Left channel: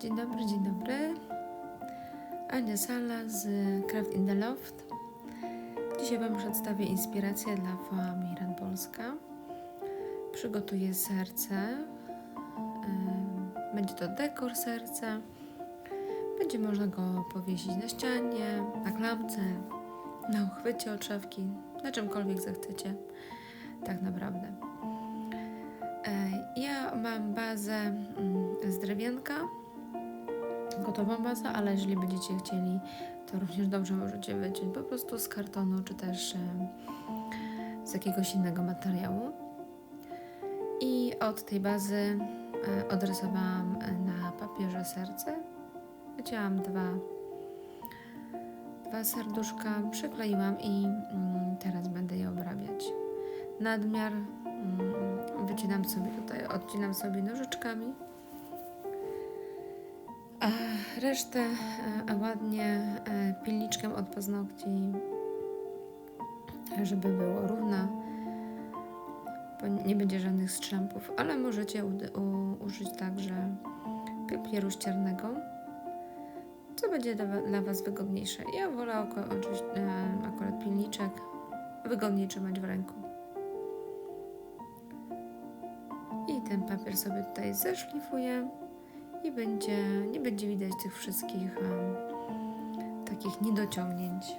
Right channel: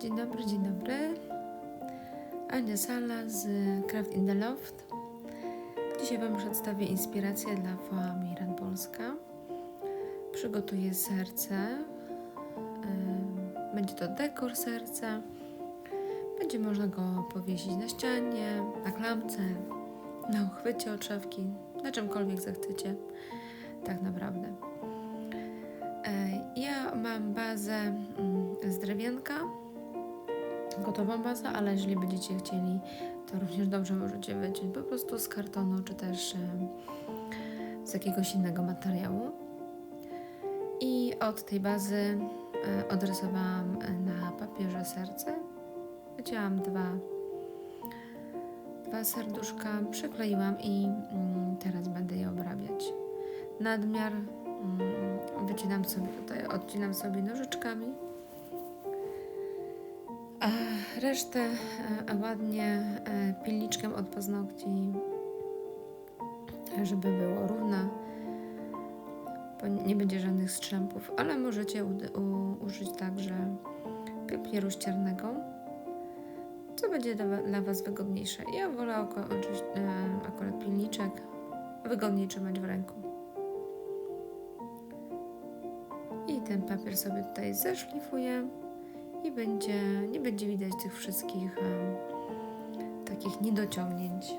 Dzień dobry, dzień dobry. Ania Sala z Craft in the Loft. Dzisiaj Wam przedstawię inspirację dla Foa Miran Polska. Przygotuję serce. Będzie to dekor serca. Będzie można go powiesić na ścianie, na klamce, na uchwycie od szafki, na czymkolwiek zechcecie. Tak naprawdę. E, Ja mam bazę mm, z drewienka, gotową bazę, ale jeżeli będziecie chcieli, to również dobrze możecie wyciąć po prostu z kartonu, czy też e, z jakiegoś innego materiału. I od tej bazy e, odrysowałam e, na papierze serce. Wycięłam dwa, dwa serduszka, przykleiłam i mm, teraz będę je obrabiać. Nadmiar mm, wycinam sobie tutaj, odcinam sobie nożyczkami. Resztę e, ładnie e, pilniczkiem od paznokci, żeby było równo, bo nie będzie żadnych strzępów, ale możecie użyć także papieru ściernego, co będzie dla, wa- dla Was wygodniejsze. Ja wolę e, akurat pilniczek wygodniej trzymać w ręku. I ten papier sobie tutaj zeszlifuję i będzie, nie będzie widać tych wszystkich em, takich niedociągnięć.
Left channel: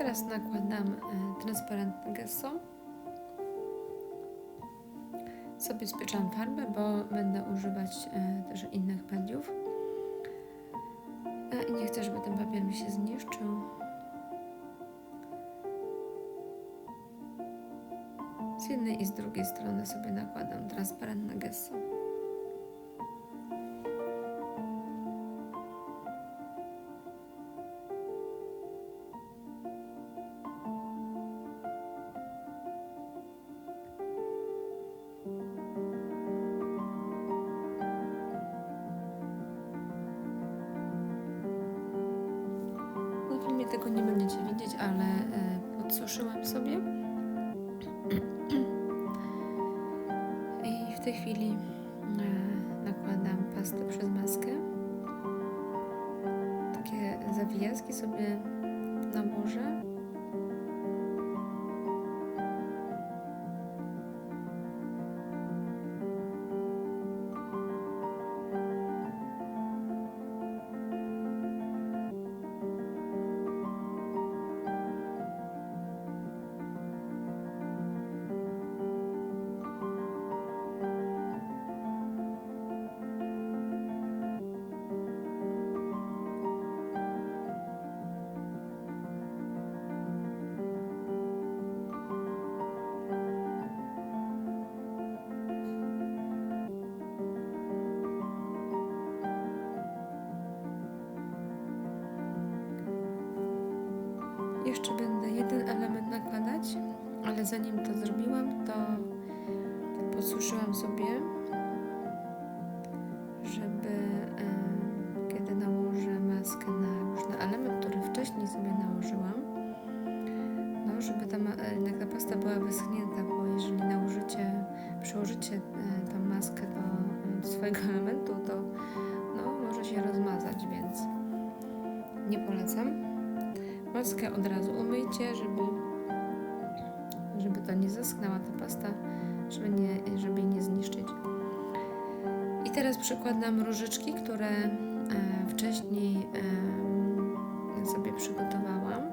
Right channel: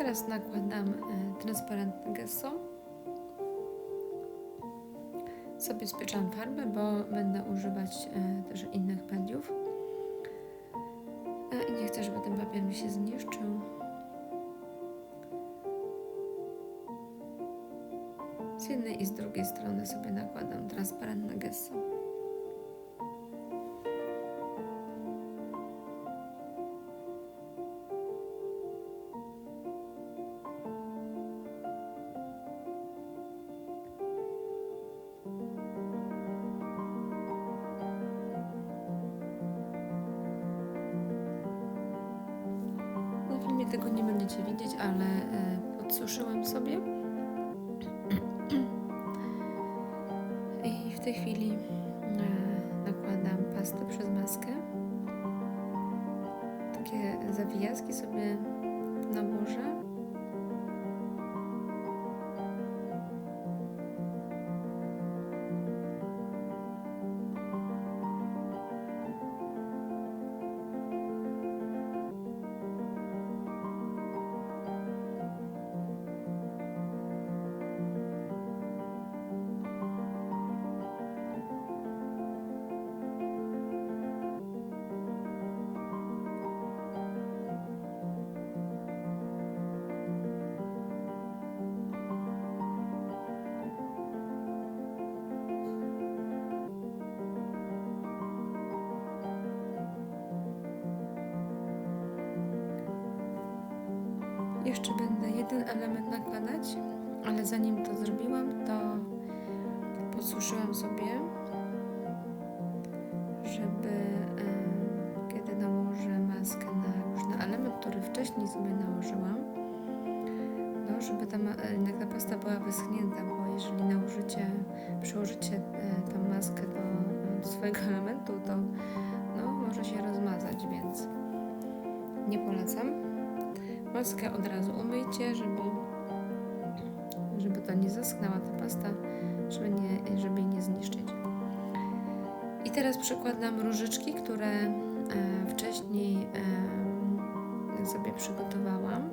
Teraz nakładam e, transparentne gesso. Sobie spieczam farbę, bo będę używać e, też innych mediów. E, I nie chcę, żeby ten papier mi się zniszczył. Z jednej i z drugiej strony sobie nakładam transparentne gesso. Filmie tego nie będziecie widzieć, ale e, podsuszyłam sobie. I w tej chwili e, nakładam pastę przez maskę. Takie zawijaski sobie nałożę. Jeszcze będę jeden element nakładać, ale zanim to zrobiłam, to podsuszyłam sobie, żeby kiedy nałożę maskę na na element, który wcześniej sobie nałożyłam, no, żeby ta, e, jednak ta pasta była wyschnięta, Maskę od razu umyjcie, żeby, żeby to nie zaschnęła ta pasta, żeby, nie, żeby jej nie zniszczyć. I teraz przykładam różyczki, które e, wcześniej e, sobie przygotowałam.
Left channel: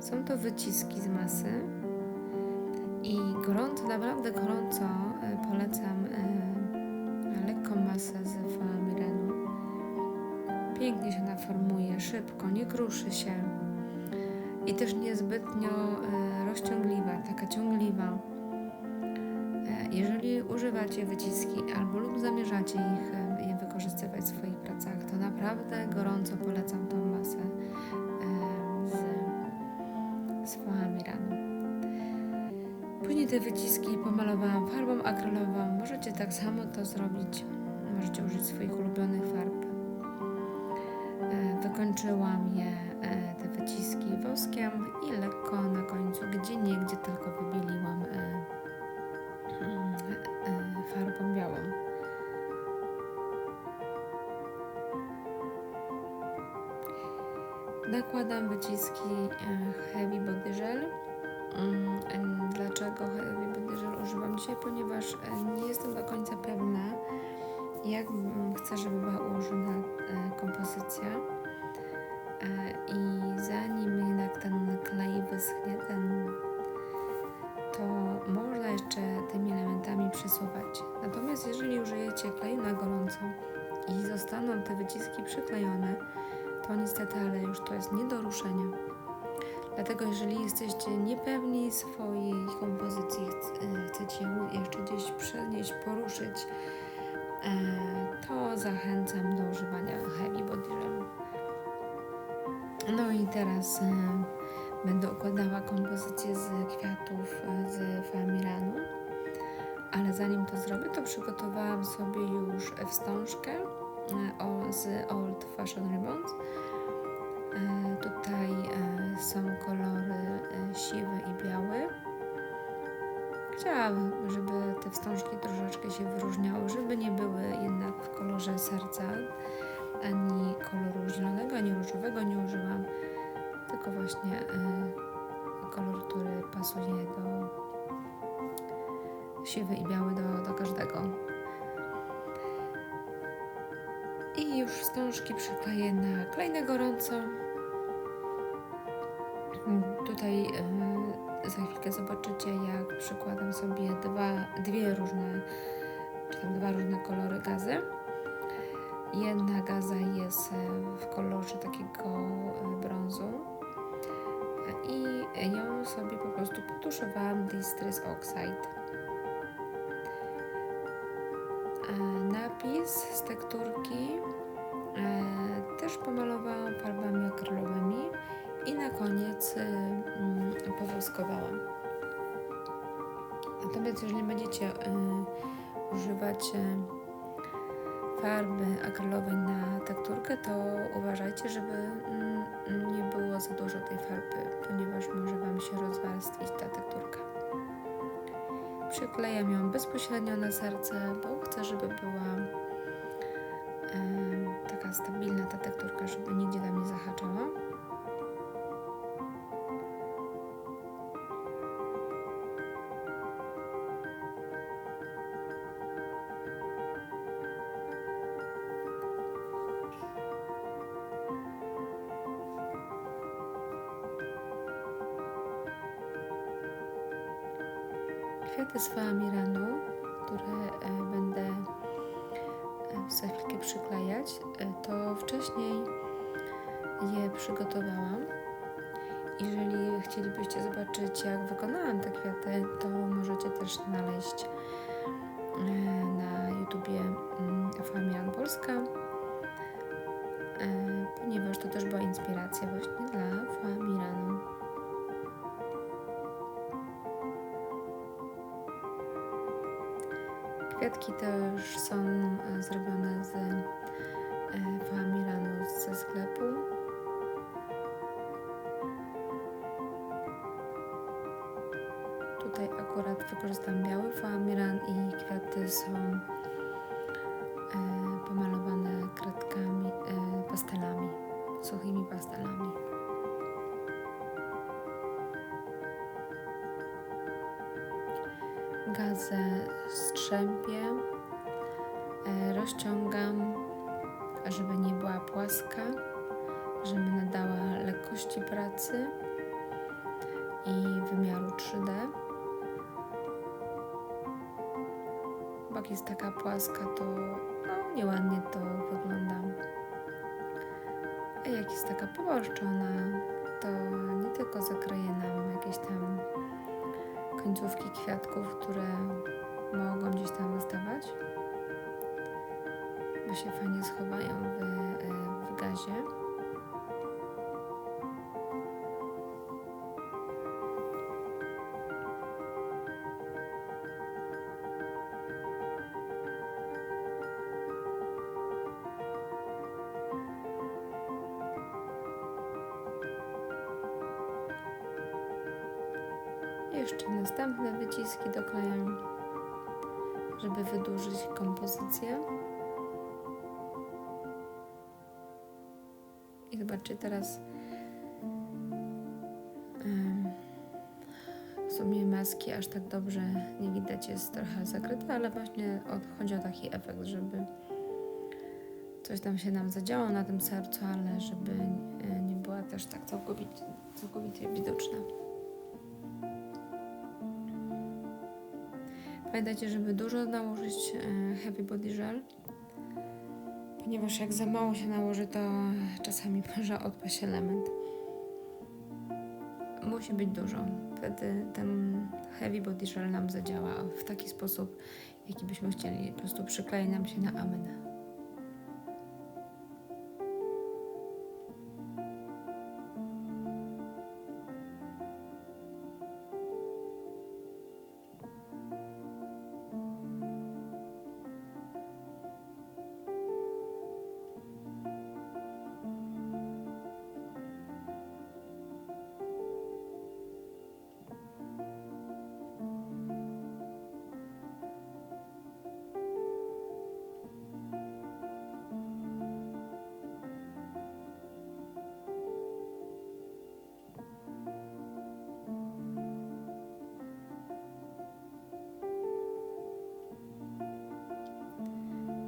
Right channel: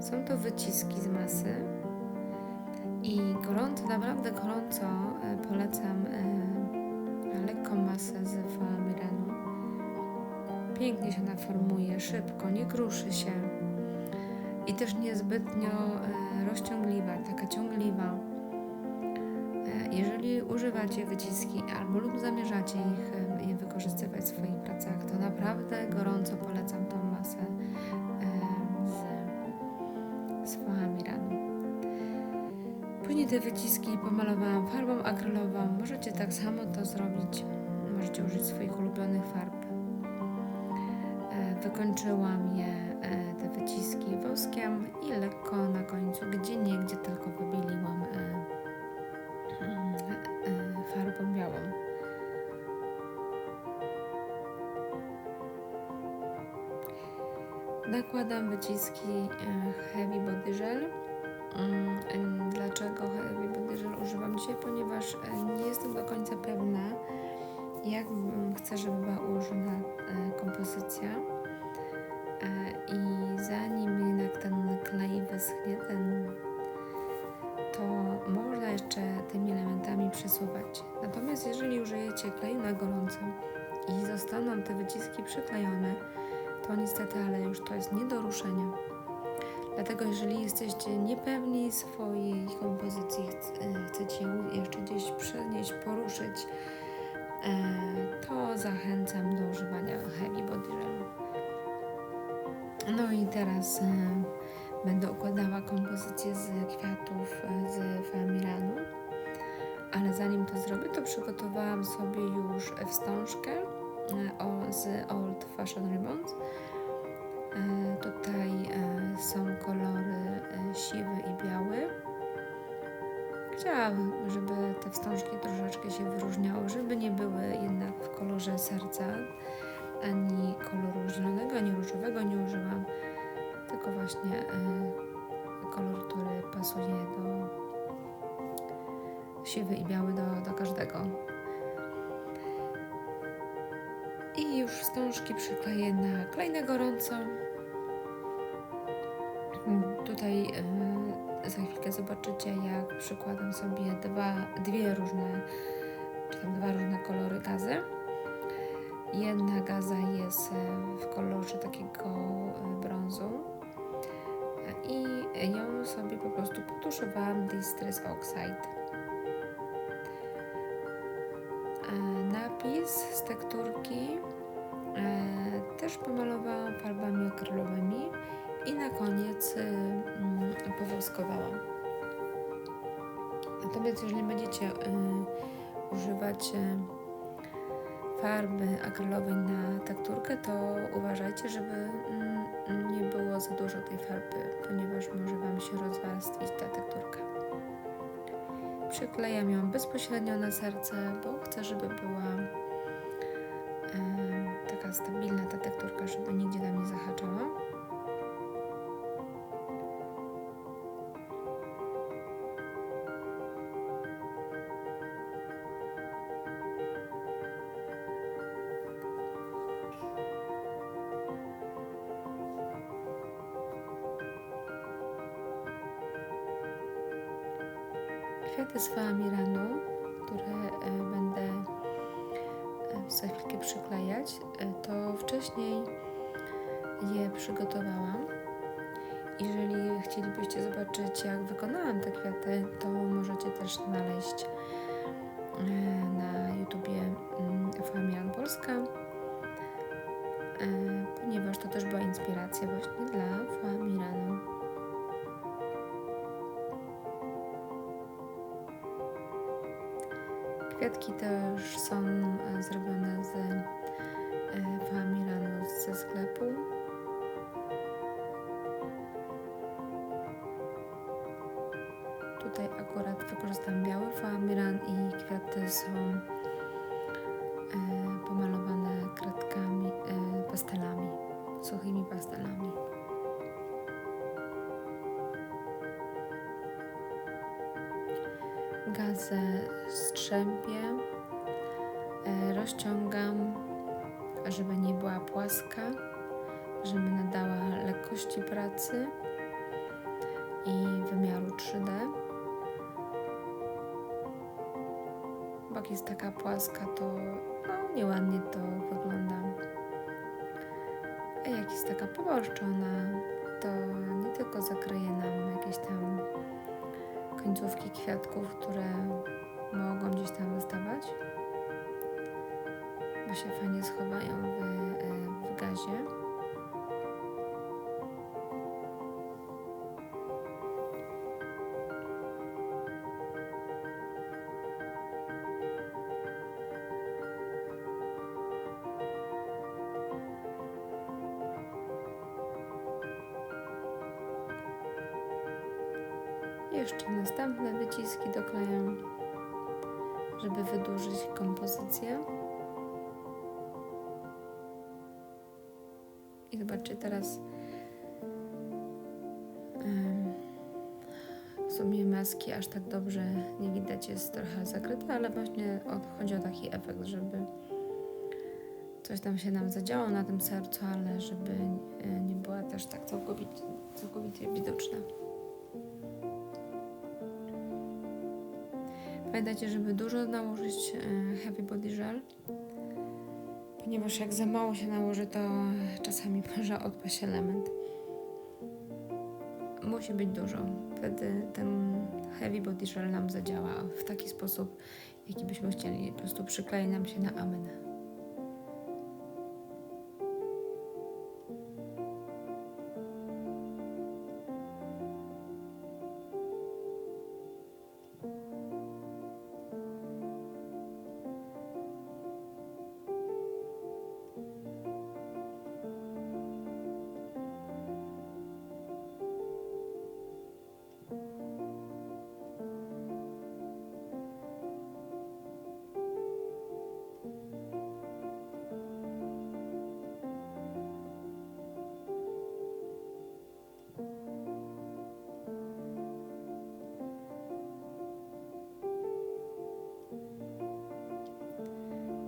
Są to wyciski z masy i gorąco, naprawdę gorąco e, polecam e, lekką masę z Miranu. Pięknie się naformuje, szybko, nie kruszy się i też niezbytnio e, rozciągliwa, taka ciągliwa. Jeżeli używacie wyciski albo lub zamierzacie ich e, je wykorzystywać w swoich pracach, to naprawdę gorąco polecam tą masę e, z, z foami. Później te wyciski pomalowałam farbą akrylową. Możecie tak samo to zrobić. Możecie użyć swoich ulubionych farb. E, Wykończyłam je, e, te wyciski woskiem i lekko na końcu, gdzie nie, gdzie tylko wybieliłam e, e, farbą białą. Nakładam wyciski e, Heavy Body Gel. Mm, Dlaczego Heavy Body Gel używam dzisiaj? Ponieważ e, nie jestem do końca pewna, jak chcę, żeby była ułożona e, kompozycja. E, I zanim jednak ten klej wyschnie, ten, to można jeszcze tymi elementami przesuwać. Natomiast jeżeli użyjecie kleju na gorąco i zostaną te wyciski przyklejone, to niestety, ale już to jest nie do ruszenia. Dlatego jeżeli jesteście niepewni swojej kompozycji, e, chcecie ją jeszcze gdzieś przenieść, poruszyć, e, to zachęcam do używania Heavy Body Gelu. No i teraz e, będę układała kompozycję z kwiatów e, z Familanu. Ale zanim to zrobię, to przygotowałam sobie już wstążkę e, o, z Old Fashion Ribbons. E, Tutaj e, są kolory e, siwy i biały. Chciałam, żeby te wstążki troszeczkę się wyróżniały, żeby nie były jednak w kolorze serca, ani koloru zielonego, ani różowego nie użyłam, tylko właśnie e, kolor, który pasuje do siwy i biały do, do każdego. I już wstążki przykleję na klej na gorąco. Tutaj e, za chwilkę zobaczycie, jak przykładam sobie dwa, dwie różne, czy tam dwa różne kolory gazy. Jedna gaza jest e, w kolorze takiego e, brązu i ją sobie po prostu potuszowałam Distress Oxide. E, Napis z tekturki też pomalowałam farbami akrylowymi i na koniec mm, powoskowałam. Natomiast jeżeli będziecie używać farby akrylowej na tekturkę, to uważajcie, żeby mm, nie było za dużo tej farby, ponieważ może Wam się rozwarstwić ta tekturka. Przyklejam ją bezpośrednio na serce, bo chcę, żeby była em, taka stabilna ta tekturka, żeby nigdzie tam nie zahaczała. Kwiaty z Faamiranu, które e, będę e, za chwilkę przyklejać, e, to wcześniej je przygotowałam. Jeżeli chcielibyście zobaczyć, jak wykonałam te kwiaty, to możecie też znaleźć na YouTubie mm, Famian Polska, e, ponieważ to też była inspiracja właśnie dla Famiranu. Kwiatki też są e, zrobione z e, Famiranu ze sklepu. Tutaj akurat wykorzystam biały Famiran i kwiaty są e, pomalowane kredkami, pastelami, suchymi pastelami. Gazę strzępię, e, rozciągam, żeby nie była płaska, żeby nadała lekkości pracy i wymiaru 3D. Bo jak jest taka płaska, to no, nieładnie to wygląda. A jak jest taka poborszczona, to nie tylko zakryje nam jakieś tam końcówki kwiatków, które mogą gdzieś tam wystawać, bo się fajnie schowają w, e, w gazie. Jeszcze następne wyciski doklejam, żeby wydłużyć kompozycję. I zobaczcie teraz w sumie maski aż tak dobrze nie widać, jest trochę zakryte, ale właśnie chodzi o taki efekt, żeby coś tam się nam zadziało na tym sercu, ale żeby e, nie była też tak całkowicie, całkowicie widoczna. Pamiętajcie, żeby dużo nałożyć e, Heavy Body Gel, ponieważ jak za mało się nałoży, to czasami może odpaść element. Musi być dużo. Wtedy ten Heavy Body Gel nam zadziała w taki sposób, jaki byśmy chcieli. Po prostu przyklei nam się na amen.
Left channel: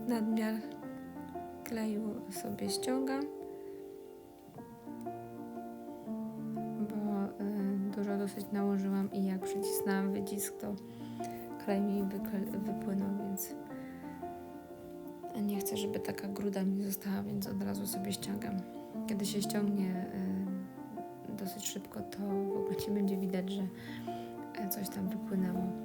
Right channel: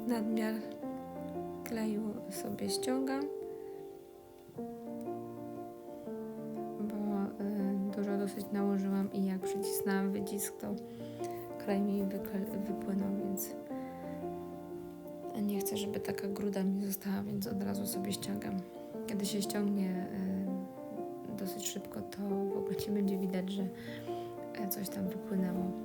Nadmiar kleju sobie ściągam, bo y, dużo dosyć nałożyłam i jak przycisnęłam wycisk, to klej mi wypłynął, więc nie chcę, żeby taka gruda mi została, więc od razu sobie ściągam. Kiedy się ściągnie y, dosyć szybko, to w ogóle nie będzie widać, że e, coś tam wypłynęło.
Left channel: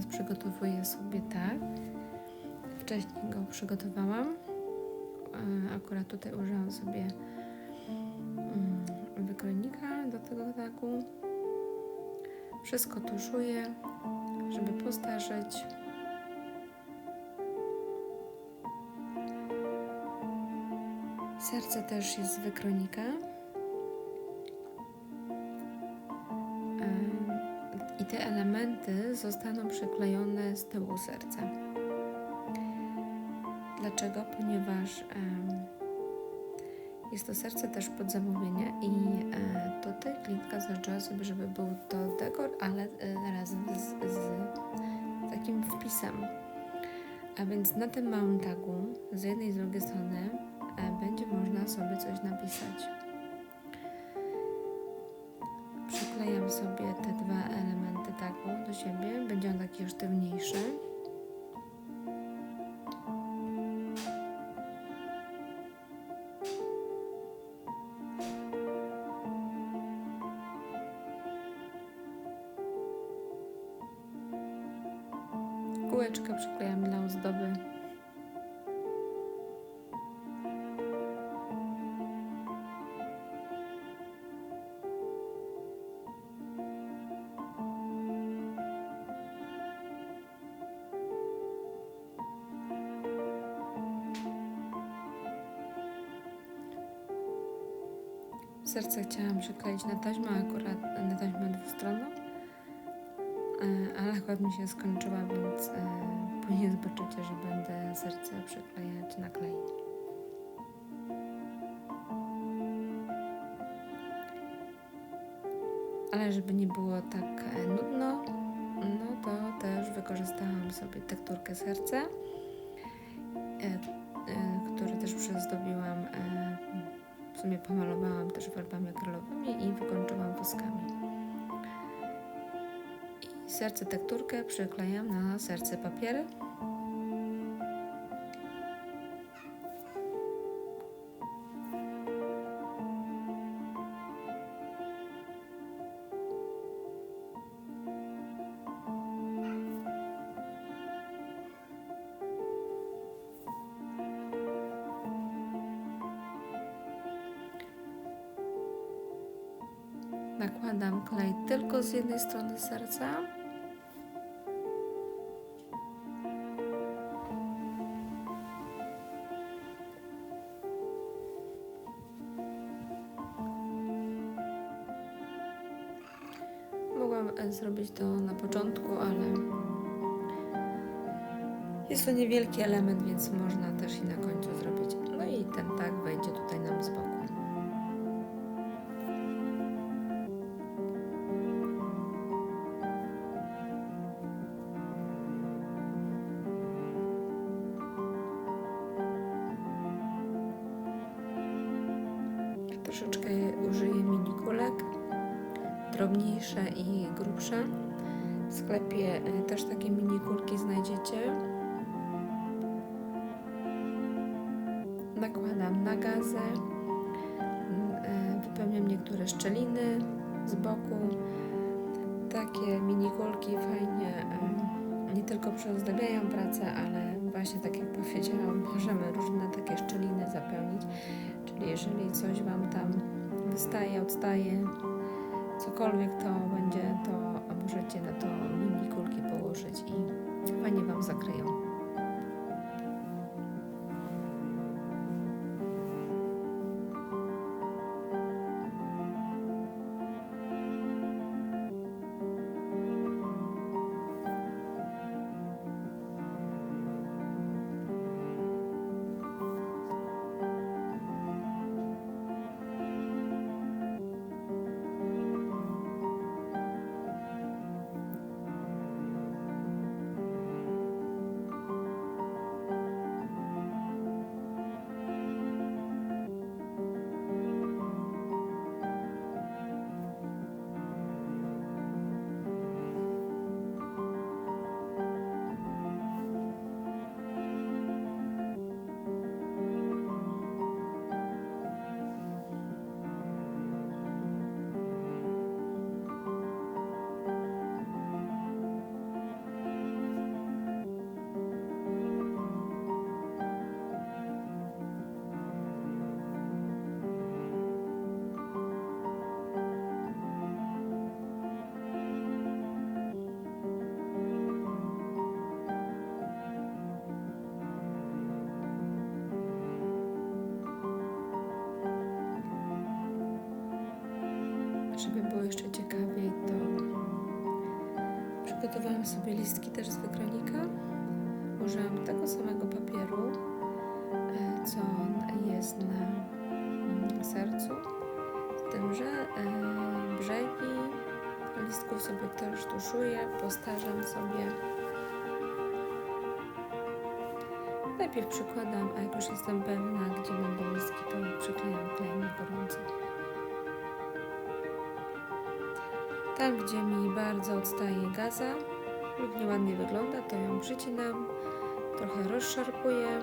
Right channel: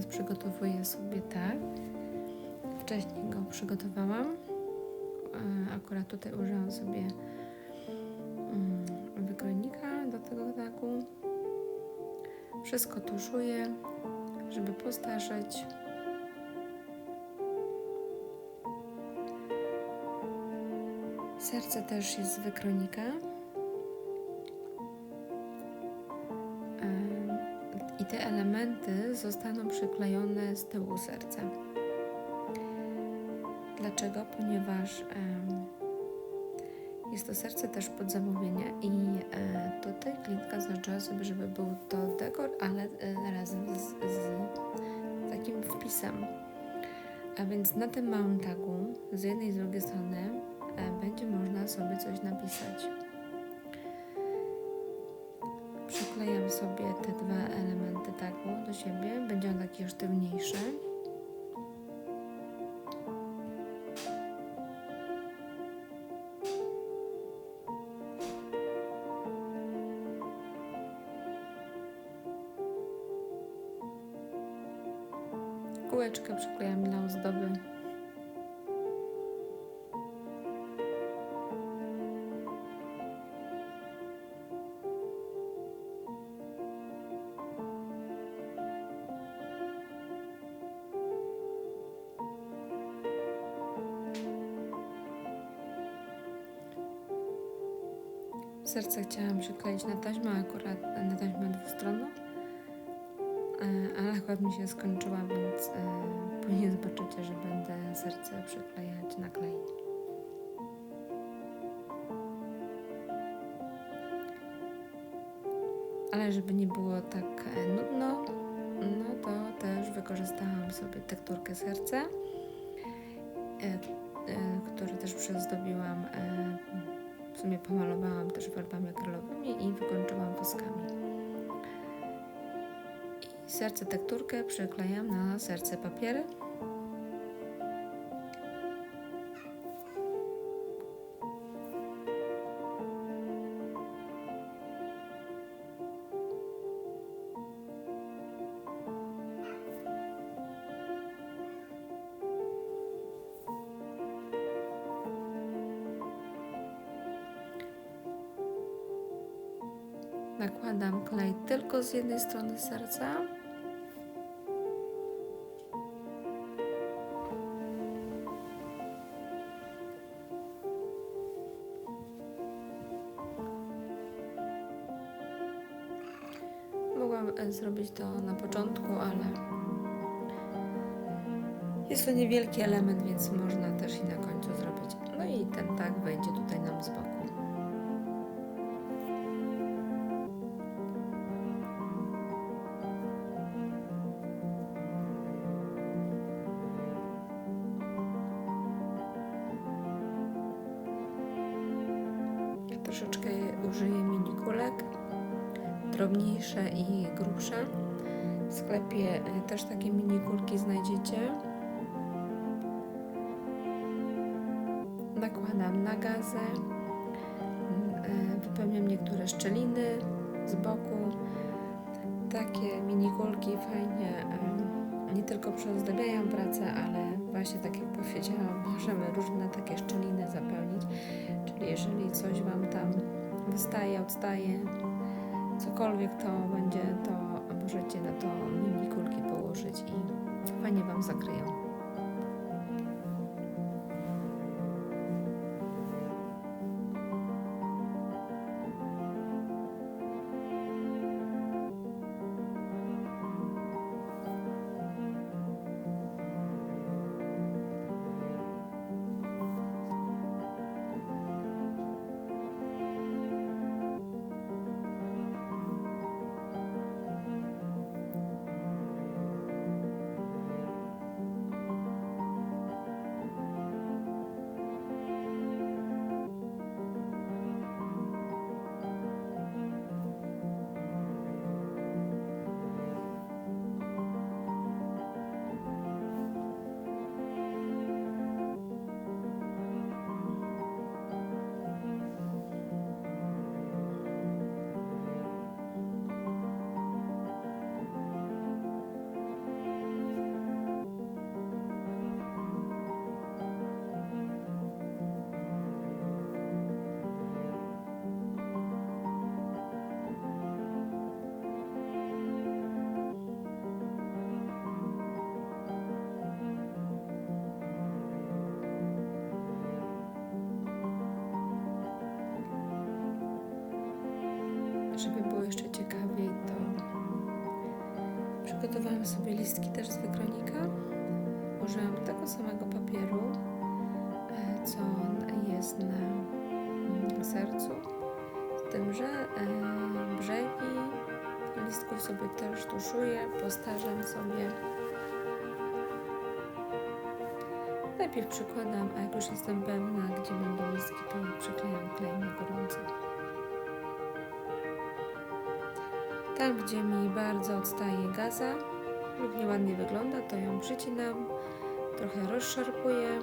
Teraz przygotowuję sobie tak. Wcześniej go przygotowałam. Akurat tutaj użyłam sobie mm, wykrojnika do tego tagu. Wszystko tuszuję, żeby postarzeć. Serce też jest z wykrojnika. Elementy zostaną przyklejone z tyłu serca. Dlaczego? Ponieważ jest to serce też pod zamówienie i e, tutaj klientka zażyczyła sobie, żeby był to dekor, ale e, razem z, z takim wpisem. A więc na tym małym tagu z jednej i z drugiej strony e, będzie można sobie coś napisać. Przyklejam sobie te dwa elementy tagu do siebie. Będzie on taki sztywniejszy. Kółeczkę przyklejam dla ozdoby. Serce chciałam przykleić na taśmę, akurat na taśmę dwustronną, e, ale akurat mi się skończyła, więc e, później zobaczycie, że będę serce przyklejać na klej. Ale żeby nie było tak e, nudno, no to też wykorzystałam sobie tekturkę serca, który też przyozdobiłam, e, w sumie pomalowałam też farbami akrylowymi i wykończyłam woskami. I serce tekturkę przyklejam na serce papiery. Nakładam klej tylko z jednej strony serca. Mogłam e, zrobić to na początku, ale jest to niewielki element, więc można też i na końcu zrobić. No i ten tak wejdzie tutaj nam z boku. Troszeczkę użyję mini kulek, drobniejsze i grubsze. W sklepie e, też takie mini kulki znajdziecie. Nakładam na gazę, m, e, wypełniam niektóre szczeliny z boku. Takie mini kulki fajnie e, nie tylko przyozdabiają pracę, ale właśnie tak jak powiedziałam, możemy różne takie szczeliny zapełnić. Czyli jeżeli coś Wam tam wystaje, odstaje, cokolwiek to będzie, to możecie na to mini kulki położyć i fajnie Wam zakryją. Żeby było jeszcze ciekawiej, to przygotowałam sobie listki też z wykronika. Użyłam tego samego papieru, e, co jest na mm, sercu, z tym, że e, brzegi listków sobie też tuszuję, postarzam sobie. Najpierw przykładam, a jak już jestem pewna, gdzie będą listki, to przyklejam klejem na gorąco. Tam, gdzie mi bardzo odstaje gaza lub nieładnie wygląda, to ją przycinam, trochę rozszarpuję.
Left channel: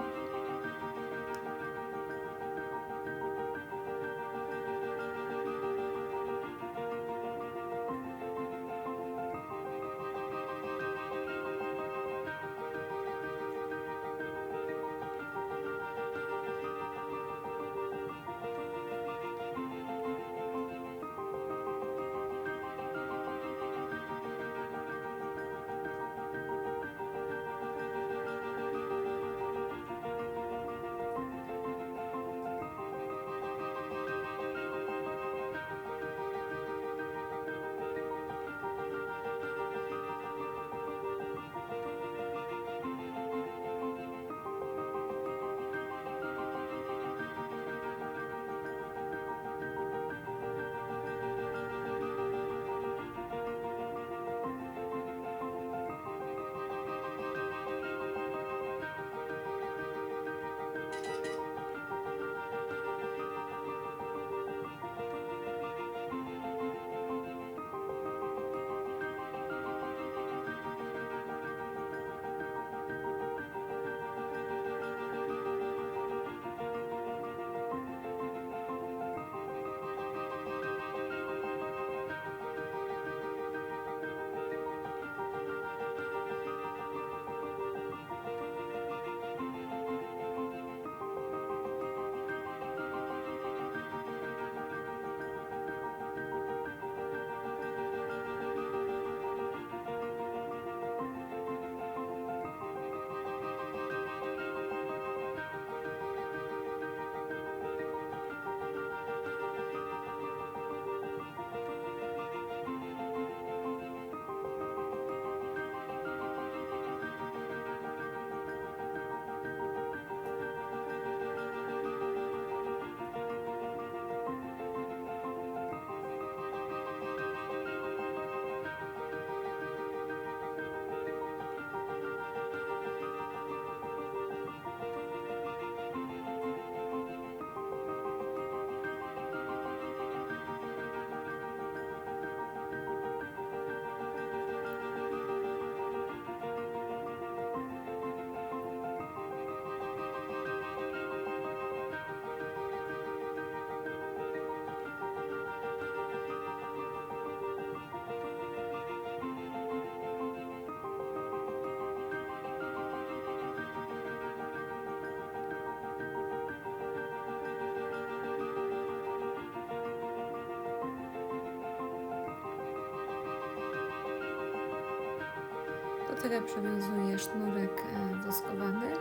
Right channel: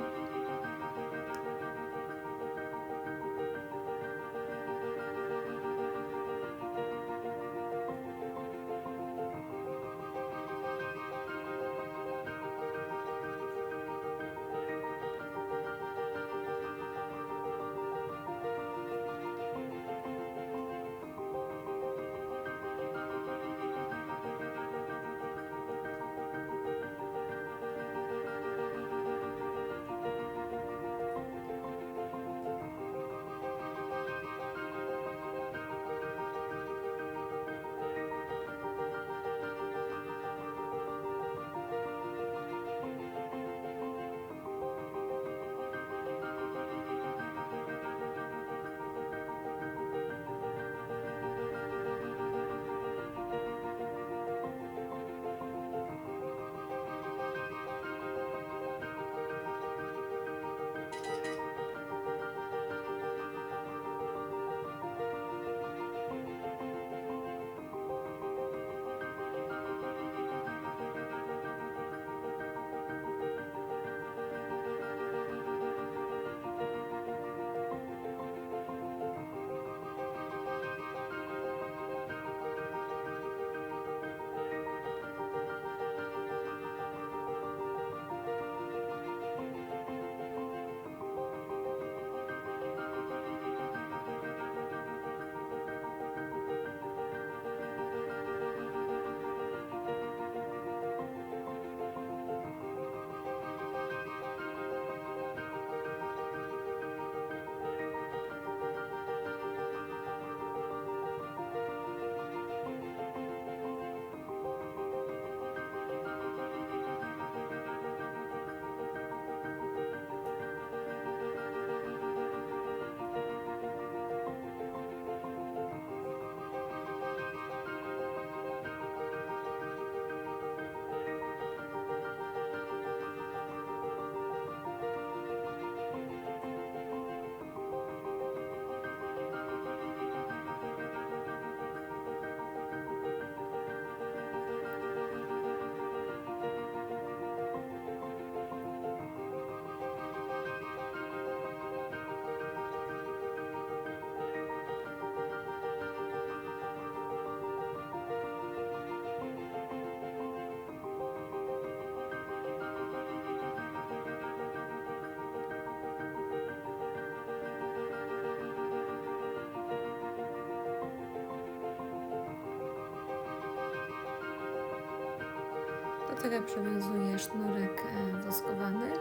Tego przywiązuję sznurek e, woskowany.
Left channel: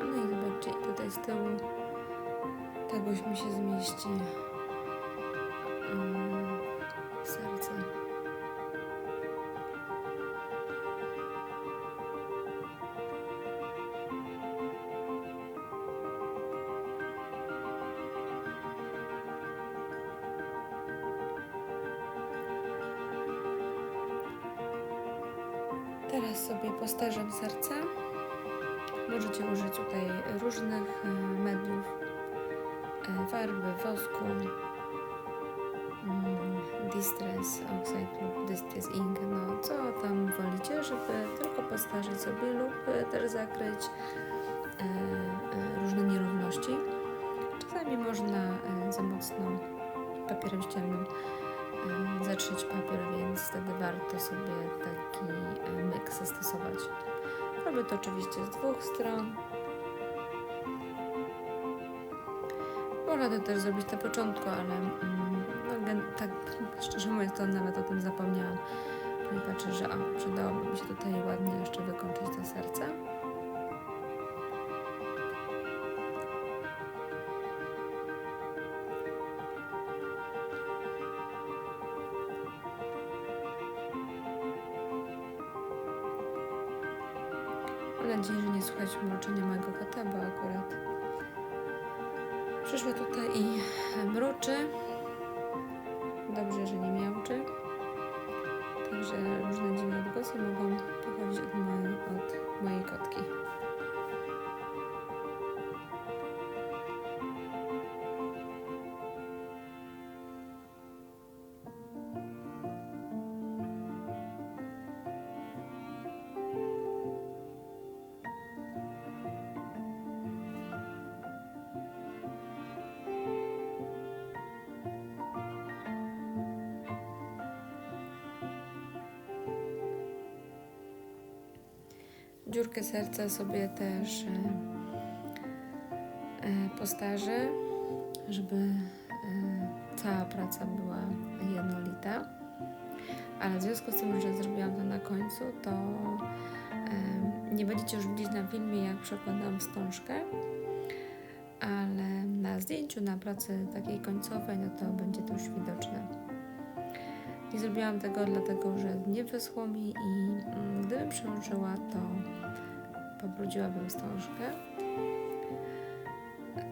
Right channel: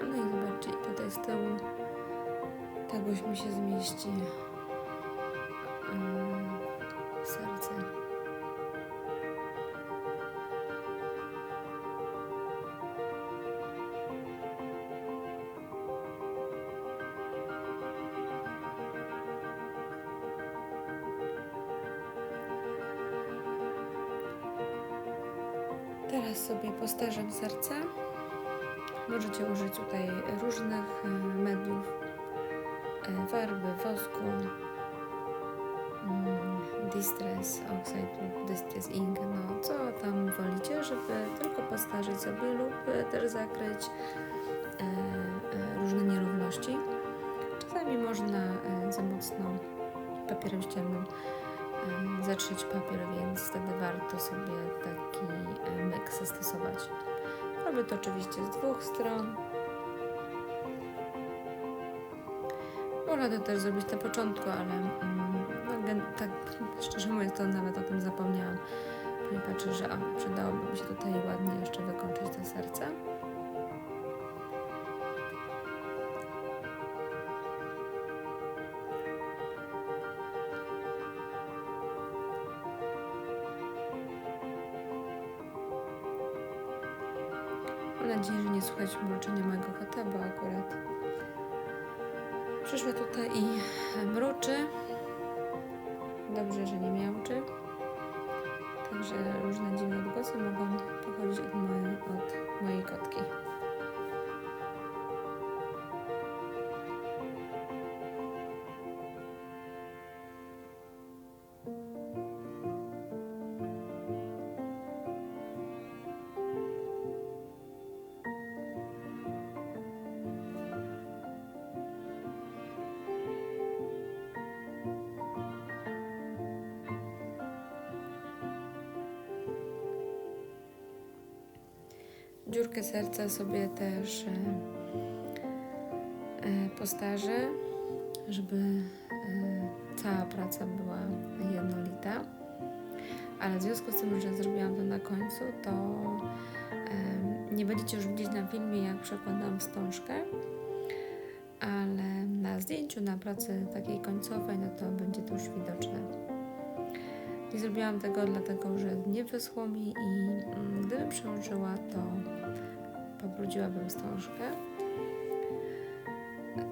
No i zobaczcie, tutaj z tyłu tagoś mi się zmieści Teraz sobie postarzam serce. Możecie użyć tutaj różnych e, mediów, e, farby, wosku, mm, Distress Oxide lub Distress Ink, no co tam wolicie, żeby tylko postarzyć sobie lub też zakryć e, różne nierówności. Czasami można za mocno papierem ściennym zatrzeć papier, więc wtedy warto sobie taki myk zastosować. Robię to oczywiście z dwóch stron. Można to też zrobić na początku, ale no, tak szczerze mówiąc to nawet o tym zapomniałam. Później patrzę, że a, przydałoby mi się tutaj ładnie jeszcze wykończyć to serce. Nadzieję, że nie słychać mruczenia mojego kota, bo akurat przyszła tutaj i mruczy. Dobrze, że nie miałczy. Także różne dziwne odgłosy mogą pochodzić od mojej, od mojej kotki. Serca sobie też e, e, postarzę, żeby e, cała praca była jednolita. Ale w związku z tym, że zrobiłam to na końcu, to nie będziecie już widzieć na filmie, jak przekładam wstążkę, ale na zdjęciu, na pracy takiej końcowej, no to będzie to już widoczne. Nie zrobiłam tego dlatego, że nie wyschło mi i mm, gdybym przełączyła, to pobrudziłabym wstążkę.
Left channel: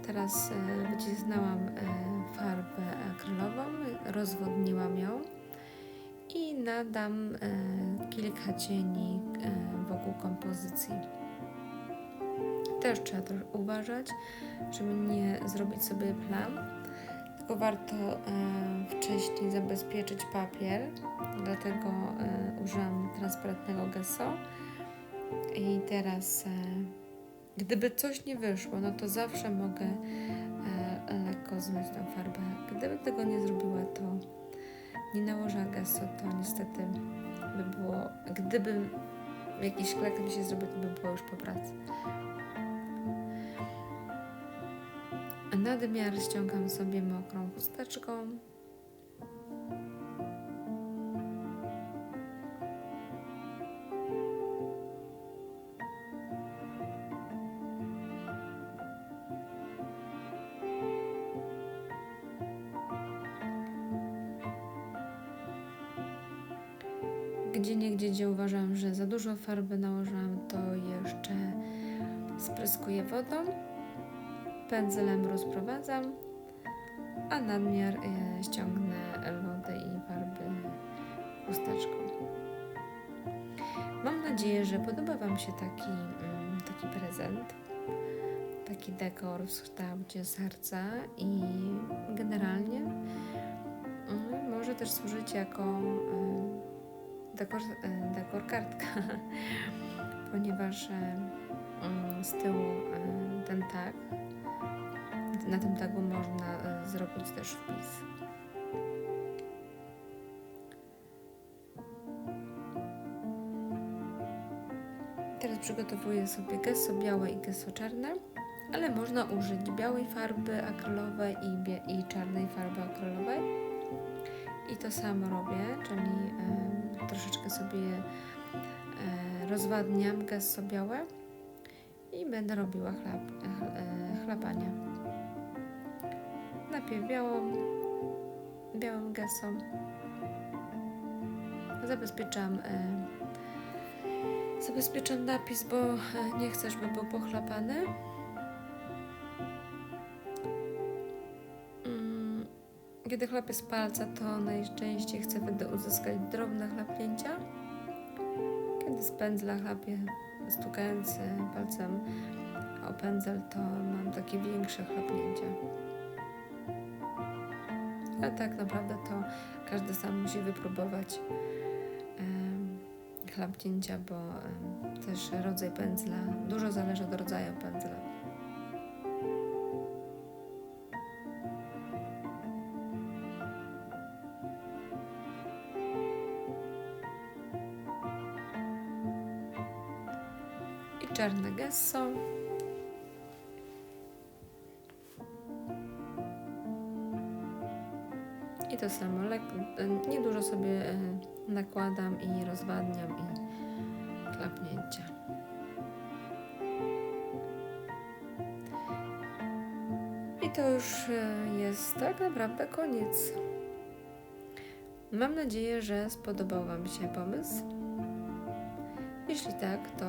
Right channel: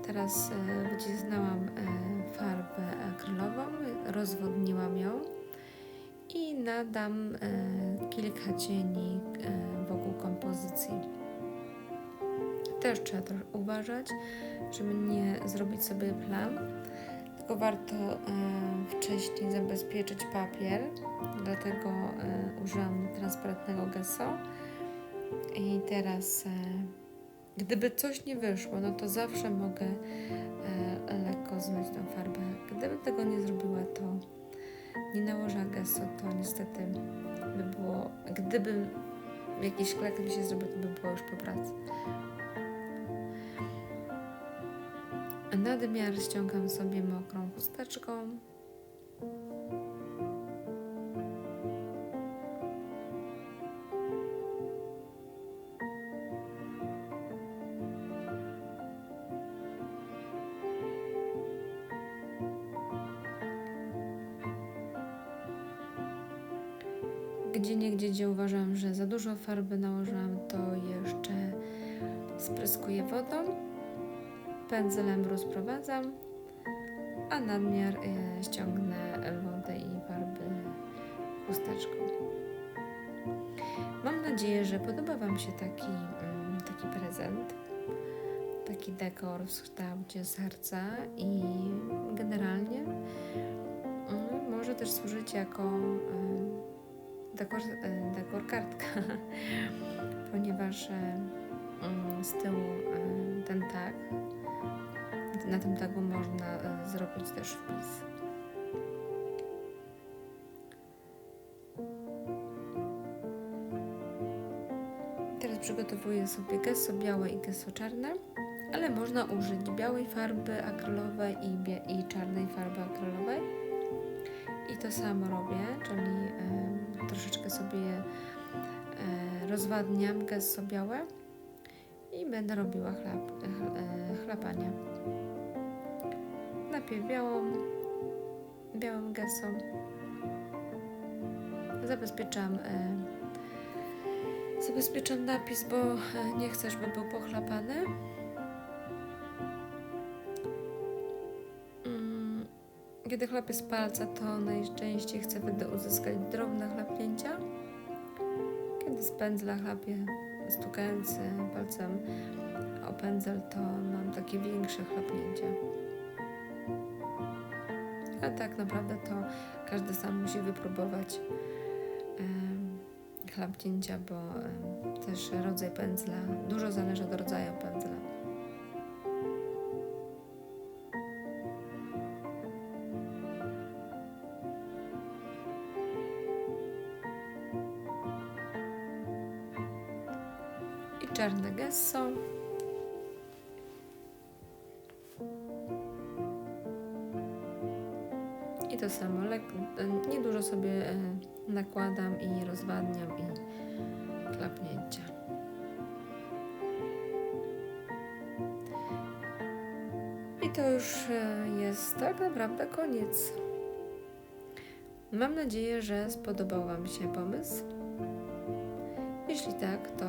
Teraz e, wycisnęłam e, farbę akrylową, rozwodniłam ją i nadam e, kilka cieni wokół kompozycji. Też trzeba trochę uważać, żeby nie zrobić sobie plam tylko warto wcześniej zabezpieczyć papier, dlatego użyłam transparentnego gesso. I teraz, e, gdyby coś nie wyszło, no to zawsze mogę e, lekko zmyć tą farbę. Gdybym tego nie zrobiła, to nie nałożę gesso, to niestety by było, gdybym jakiś klek mi się zrobił, to by było już po pracy. Nadmiar ściągam sobie mokrą chusteczką. Gdzie gdzie uważam, że za dużo farby nałożyłam, to jeszcze spryskuję wodą pędzlem rozprowadzam, a nadmiar e, ściągnę wodę i farby chusteczką. Mam nadzieję, że podoba Wam się taki, mm, taki prezent, taki dekor w kształcie serca i generalnie mm, może też służyć jako mm, dekor, e, dekor kartka, ponieważ e, mm, z tyłu e, ten tag na tym tagu można zrobić też wpis. Teraz przygotowuję sobie gesso białe i gesso czarne, ale można użyć białej farby akrylowej i, i czarnej farby akrylowej. I to samo robię, czyli troszeczkę sobie e, rozwadniam gesso białe i będę robiła chlap, ch- e, chlapanie. Najpierw białą, białym gesso. Zabezpieczam, e, zabezpieczam napis, bo nie chcę, żeby był pochlapany. Kiedy chlapię z palca, to najczęściej chcę wtedy uzyskać drobne chlapnięcia. Kiedy z pędzla chlapię, stukając palcem o pędzel, to mam takie większe chlapnięcia. A tak naprawdę to każdy sam musi wypróbować chlapnięcia, bo też rodzaj pędzla, dużo zależy od rodzaju pędzla. Czarne gesso. I to samo, e, niedużo sobie e, nakładam i rozwadniam i klapnięcia. I to już e, jest tak naprawdę koniec. Mam nadzieję, że spodobał Wam się pomysł. Jeśli tak, to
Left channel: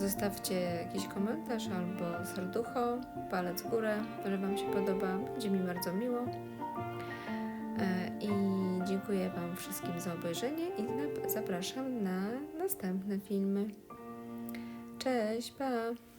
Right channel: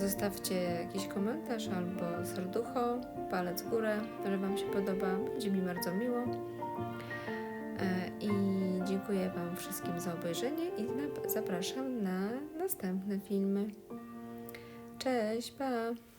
zostawcie jakiś komentarz albo serducho, palec w górę, że Wam się podoba. Będzie mi bardzo miło. E, I dziękuję Wam wszystkim za obejrzenie i zapraszam na następne filmy. Cześć, pa!